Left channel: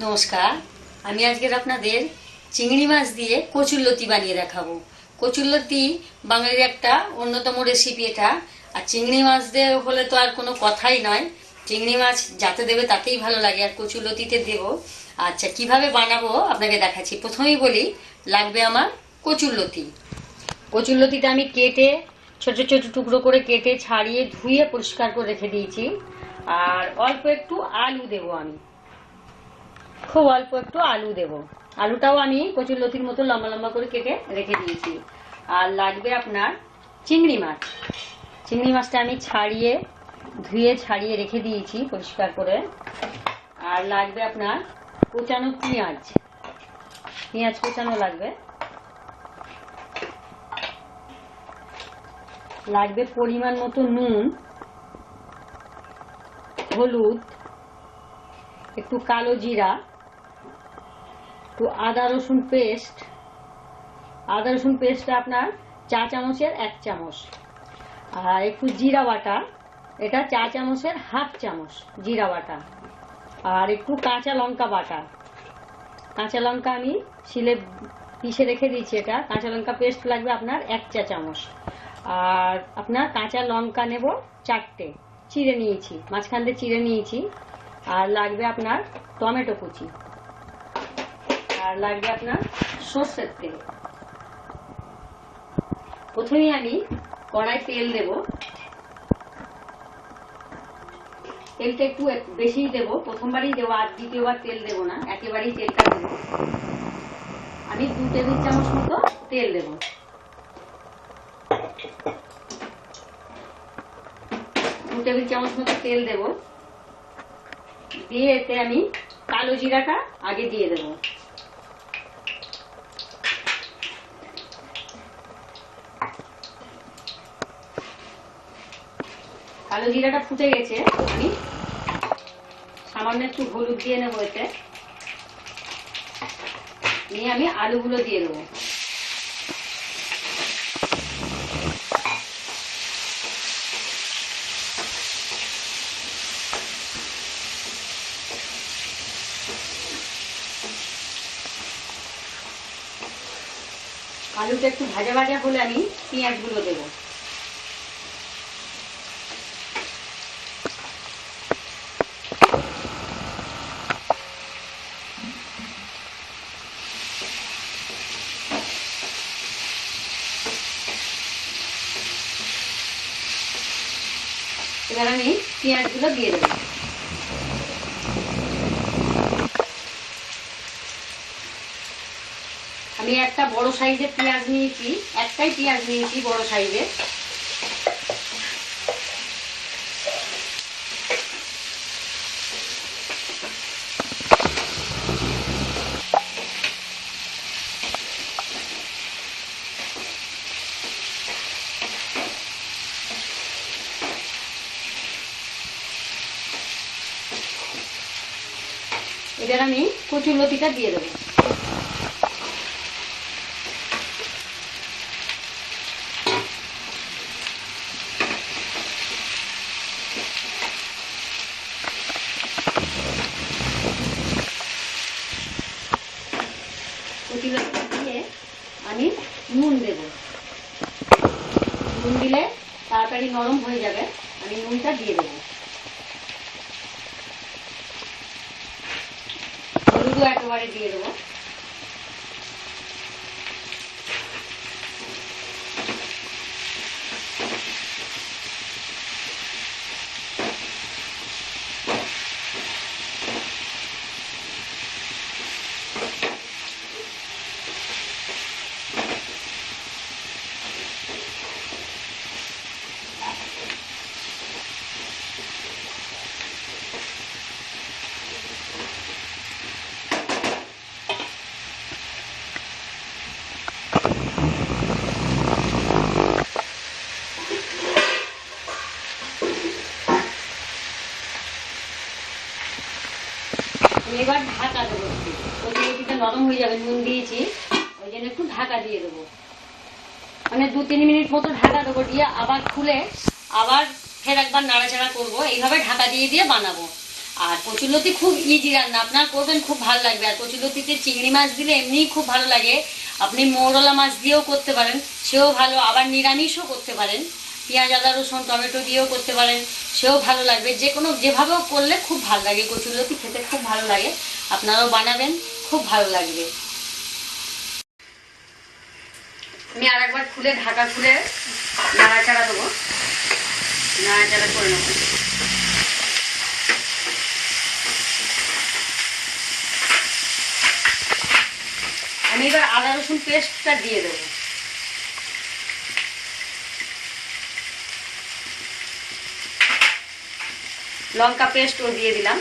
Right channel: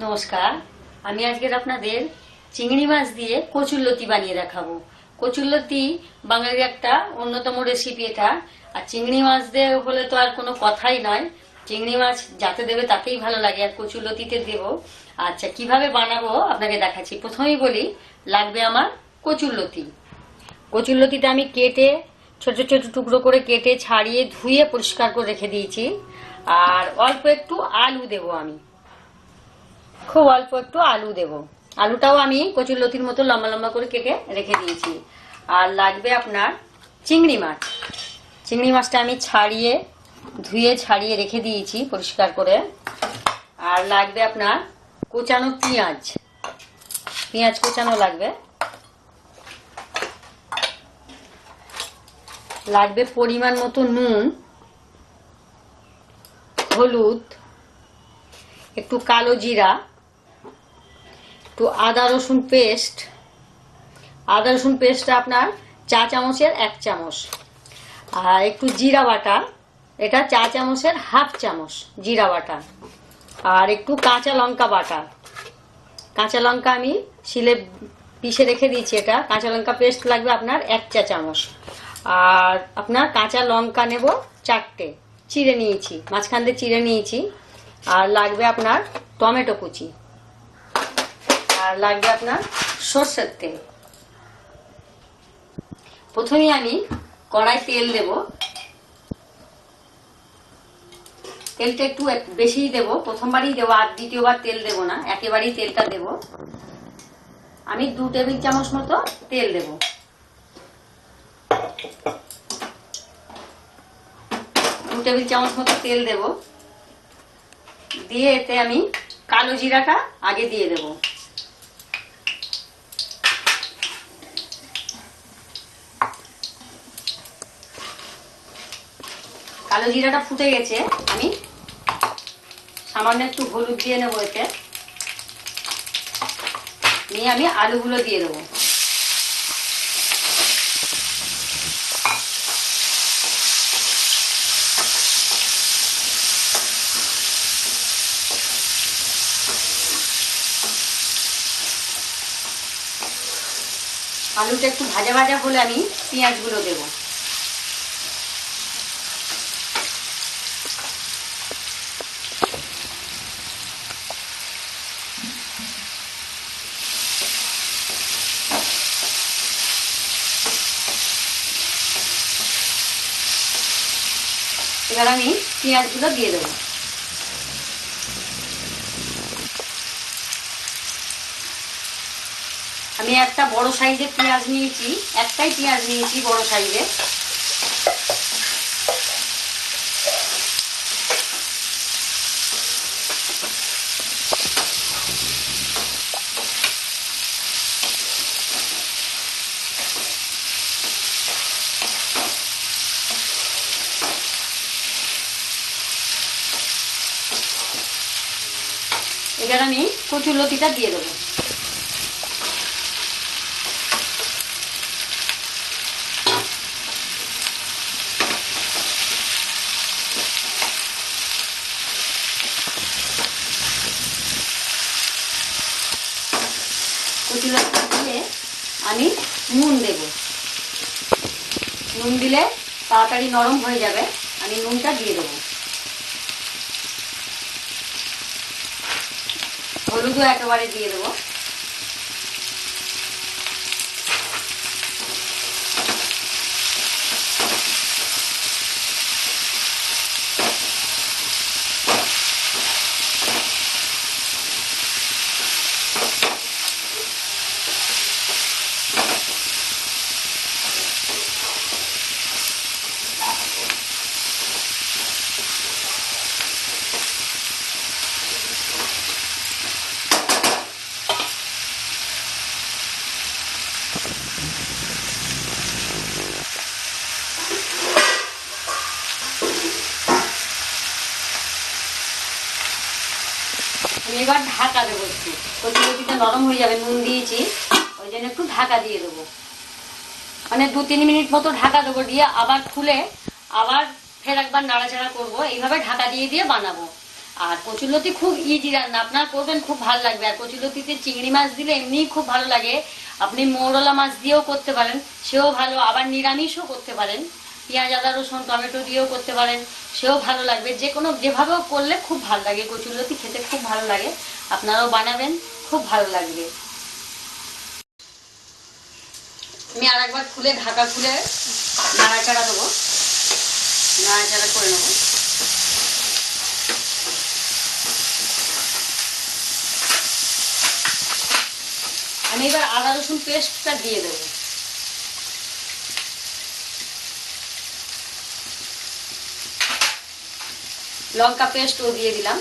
নমস্কার, আমি আজকের আপনাদের চিংড়ি মাছ দিয়ে কচুরলতি বানিয়ে দেখাবো। কচুরলতি বাঙালির একটা অন্যতম রেসিপি এটা। আর চিংড়ি মাছ দিয়ে হলে তো আর কোনো কথাই নয়। চিংড়ি মাছ যাতে দেবে তাতেই ভালো লাগে, আর কচুরলতিতে দেবো। আচ্ছা কীভাবে বানাবো আপনাকে দেখাচ্ছি। প্রথমেই বলি, লাগবে আমার কচুরলতি কচুরলতিটা আমি কেটে, ছোট ছোট টুকরো করে কেটে ছাড়িয়ে ধুয়ে পরিষ্কার করে রেখে দিয়েছি। আর অল্প একটু আলু দেবো আমি। খুব অল্প একটু আলু দেব। আলুটাও আমি কচুর লতির মতো লম্বা লম্বা করে কেটে রেখে দিয়েছি। আর লাগবে আপনার চিংড়ি মাছ। চিংড়ি মাছটা আমি ছাড়িয়ে, ধুয়ে ছাড়িয়ে রেখে দিয়েছি পরিষ্কার করে। আর লাগবে আপনার কোচানো পেঁয়াজ। পেঁয়াজ কোচানো লাগবে। লাগবে পরিমাণ মতো নুন, হলুদ, একটু কালো জিরা একটু আদা রসুন পেস্ট আদা রসুন পেস্টটা আপনার চা চামচের এক চামচ। আর একটু জিরা বাটা, এটা চা চামচের হাফ চামচ জিরা বাটা। আর একটু কাঁচা লঙ্কা বাটা। কাঁচা লঙ্কা আমি শিলে পিষে রেখে দিয়েছি এটা। কাঁচা লঙ্কা পেস্ট লাগবে আপনার এক চা চামচ। আর আপনার কাঁচা লঙ্কা নেব চারটে। চিড়ে নিয়েছি, মাঝখান দিয়ে চিড়ে নিয়েছি। আর লাগবে আপনার টমেটো কুচি। আর লাগবে আপনার সর্ষের তেল। প্রথমেই আমি কড়াই তেল দেব। তেলটা একটু এক- বেশিই দেব। প্রথমবারই দেবো, আর দ্বিতীয়বার তেল দেব না, একেবারেই তেলটা দেব। আমি দু টেবিল চামচ মতো তেল দেব। দু টেবিল চামচ মতো তেল দেব। দিয়ে এতে আমি কালো জিরাটা আগে দিয়ে দেব। কালো জিরাটা ফুটে গেছে, আমি সামান্য একটু হলুদ দিয়ে নেব এতে। নিয়ে আমি আলুগুলো দিয়ে দেবো। আলুটা একটু ভাজা ভাজা হলে আমি পেঁয়াজগুলো দেবো। এবার আমি পেঁয়াজগুলো দিয়ে দেবো। আমি একটা বড় সাইজের পেঁয়াজ নিয়েছি, একটাই পেঁয়াজ নিয়েছি বড় সাইজের। এবার আমি কচুর লতিটা দিয়ে দেবো। কচুরটা দিয়ে আমি নুন দেব। নুন দিলে তাড়াতাড়ি নরম হয়ে যাবে। আমি নুনটা দিয়ে দেবো। হলুদও একেবারে দিয়ে দেবো। এবার ঢাকা দেবো একটু। কচুরিটা নরম হয়ে যাবে, নুন দিয়েছি। ওই জন্য একটু ঢাকা দিয়ে দেবো। মানে দু তিন মিনিট মতো ঢাকা দেবো দিয়ে আবার খুলে আবার ফের একবার নাড়াচাড়া করব। এইভাবে ঢাকা দিয়ে দিয়ে বানাবো। আর কচুলতি খুব ইজি রান্না। আপনার করবেন, খুব ভালো লাগবে। আর কচুলতিতে চিংড়ি মাছ দিলে এমনিই খুব ভালো লাগে। আপনি মৌরলা মাছ দিয়েও করতে পারেন, সেও ভালো। আবার নিরামিষও করতে পারেন। পেঁয়াজ, আদা, রসুন, টমেটো দিয়েও করতে পারেন। সেও ভালো লাগবে। যে কোনো, যেভাবেও করলে খুব ভালো লাগে। কচুলতি খেতে খুব ভালো লাগে। আপনারাও বানাবেন, খুব ভালো লাগবে। আমি আর একবার খুলে, ঢাকা খুলে নাড়াচাড়া দেবো। নাড়াচাড়া করে নেব। আমি এবার আদা, রসুন পেস্টটা দিয়ে দেবো। লঙ্কা পেস্টও দিয়ে দিলাম।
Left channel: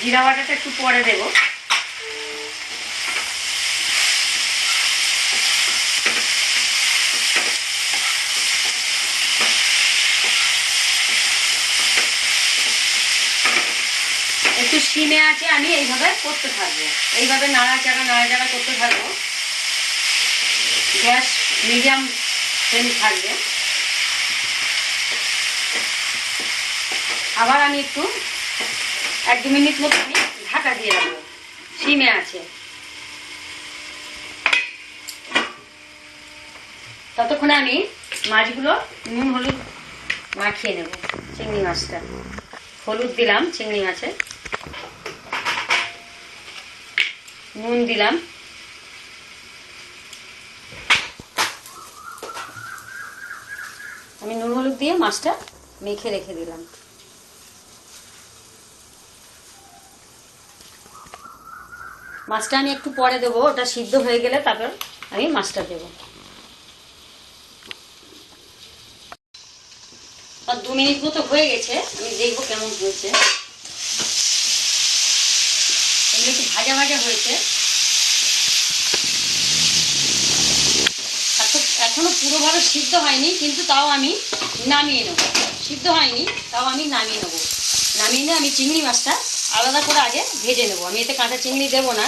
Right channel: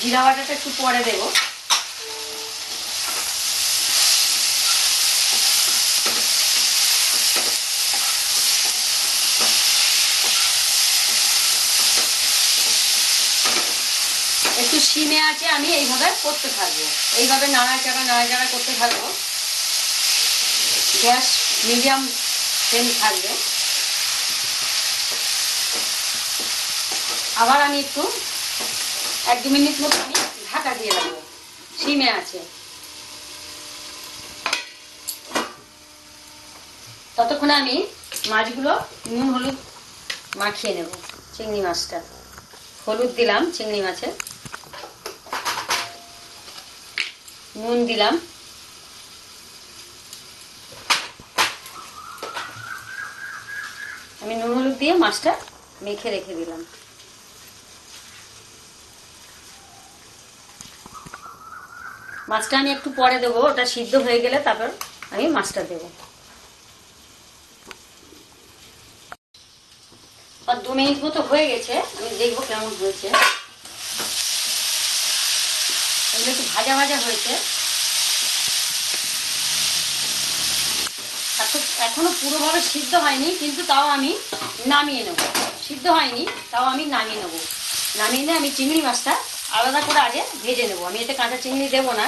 জিরা বাটাটা একটু পরে দেবো। একটু সিমে আছে, আমি এইভাবে করতে থাকব। এইভাবে নাড়াচাড়া নাড়াচাড়া করতে থাকব। গ্যাস মিডিয়াম ফ্লেম থাকবে আবার আমি একটু এক দু মিনিট মতো আমি ঢাকা দিয়ে রাখব সিমে আছে। ততক্ষণে আমি মাছগুলো নুন, হলুদ মাখিয়ে নেব, চিংড়ি মাছটা। হলুদ দিলাম চিংড়ি মাছে নুন দিলাম। আমি নুন হলুদ দিয়ে মাছটা মেখে রেখে দিলাম। মাছটা আমি একটু পরে দেবো, ওটা সিদ্ধ হয়ে গেলে তারপর আমি মাছটা দেবো। দু মিনিট মতো হয়ে গেছে, আমি দেখব কেমন হয়েছে। একটু ভাজা ভাজা হয়েছে। আর তো এখনও পুরোভাবে সিদ্ধ হয়নি, কিন্তু তাও আমি নামিয়ে নেব। সিদ্ধ হয়নি, তাও আমি নামিয়ে নেব। নামিয়ে নিয়ে আমি চিংড়ি মাছটা আলাদা করে আগে ভেজে নেব। আমি এতে কাঁচা চিংড়ি দেবো না।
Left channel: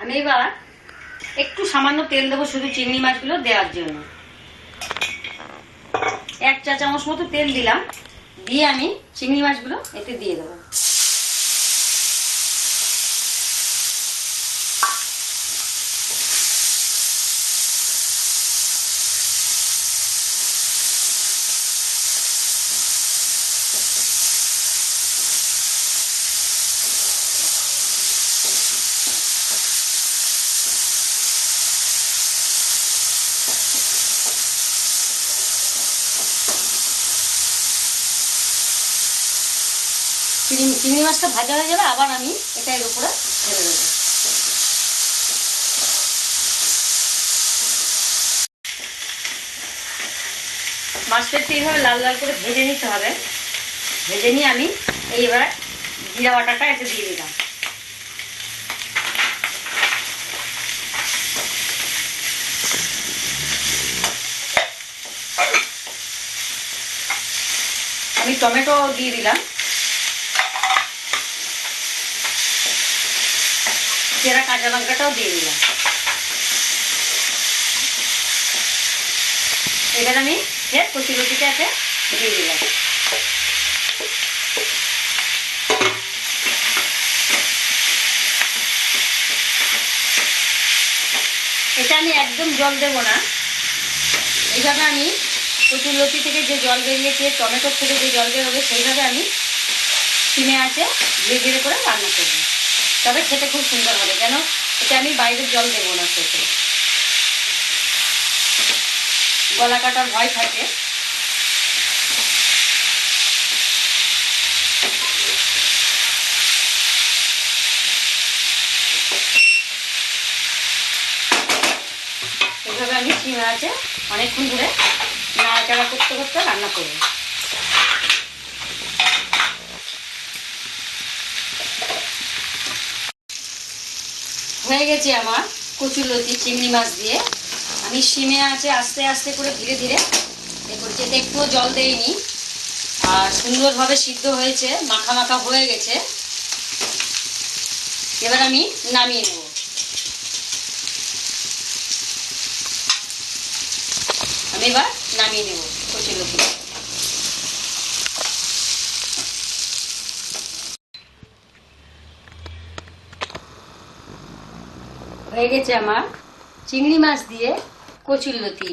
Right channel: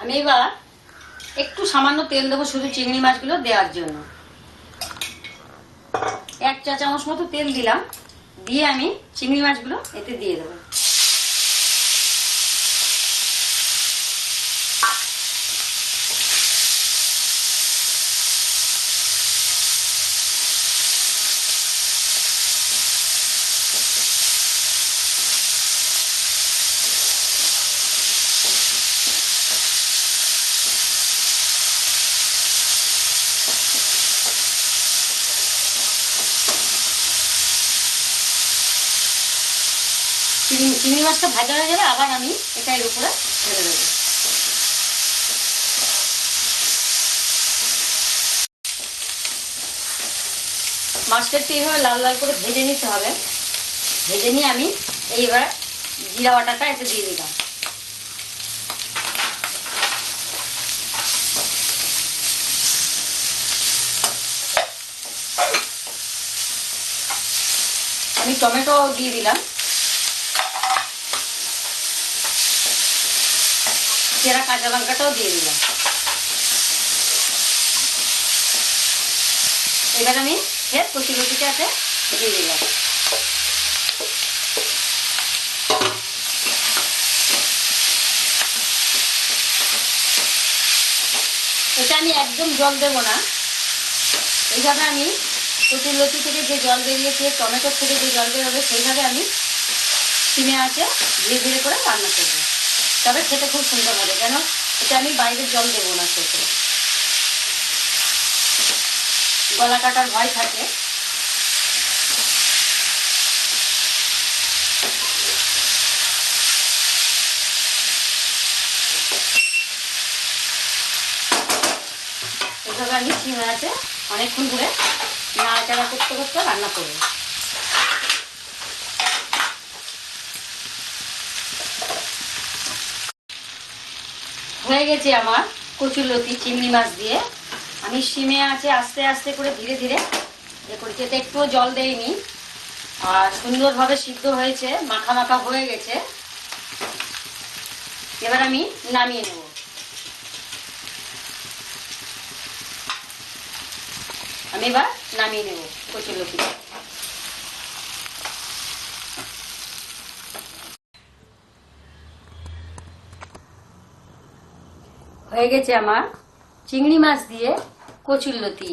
আমি এবার একটু সামান্য তেল দেবো শুধু চিংড়ি মাছগুলো দেওয়ার জন্য। এক চা চামচ মতো তেল দিলাম। দিয়ে আমি চিংড়ি মাছগুলো এতে দিয়ে দেবো। চিংড়ি মাছটা ভাজা হয়ে যাবে আবার আমি এটা এর উপরে ঢেলে দেবো। মাছটা একটু এইভাবে লাল লাল করে ভেজে নিতে হবে। ভেজে নিয়ে আমি এইবার জিরা বাটাটা এতে দিয়ে দিলাম। আমি টমেটো দিয়ে দিলাম। চেরা কাঁচা লঙ্কাটাও দিয়ে দিলাম। এবার আমি ফের কচি কচিটাকে দিয়ে দিলাম। এটা আমি একদম জল দেব না। এইভাবে আমি কচুর লতি থেকে যে জল বেরিয়েছে, টমেটোর থেকে যে জল বেরোবে, সেইভাবে আমি সিমে আছে ধীরে ধীরে করে রান্না করব। তবে খেতে খুব সুন্দর হবে, কেন? এটা আমি বাইরের জল দেবো না খেতে। গলা কাটার ভয় থাকে। এইভাবে আমি সিমে আছে অনেকক্ষণ ধরে নাড়াচাড়া করতে করতে রান্না করব। হয়ে গেছে আমার কচুলতি চিংড়ি মাছ দিয়ে। আমি সিমে আছে, আস্তে আস্তে করে ধীরে ধীরে। এ করছি এতে একটুও জল দেইনি। আর সুন্দরভাবে সিদ্ধ হয়েছে, মাখা মাখা হয়ে গেছে। এবার আমি নামিয়ে নেব। আমি এবার নামিয়ে নেব কচুরলতি। হয়ে গেছে আমার। চিংড়ি মাছ দিয়ে কচুরলতি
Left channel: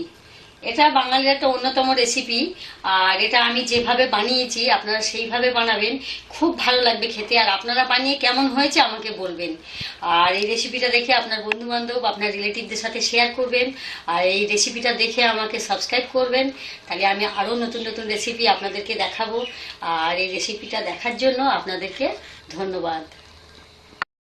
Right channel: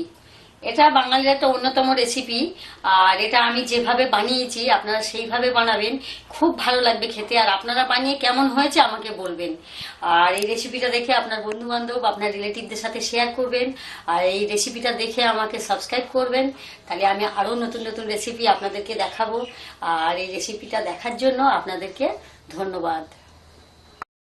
এটা বাঙালির একটা অন্যতম রেসিপি আর এটা আমি যেভাবে বানিয়েছি, আপনারা সেইভাবে বানাবেন। খুব ভালো লাগবে খেতে, আর আপনারা বানিয়ে কেমন হয়েছে আমাকে বলবেন। আর এই রেসিপিটা দেখে আপনার বন্ধু বান্ধব আপনার রিলেটিভদের সাথে শেয়ার করবেন। আর এই রেসিপিটা দেখে আমাকে সাবস্ক্রাইব করবেন। তাহলে আমি আরও নতুন নতুন রেসিপি আপনাদেরকে দেখাবো। আর এই রেসিপিটা দেখার জন্য আপনাদেরকে ধন্যবাদ।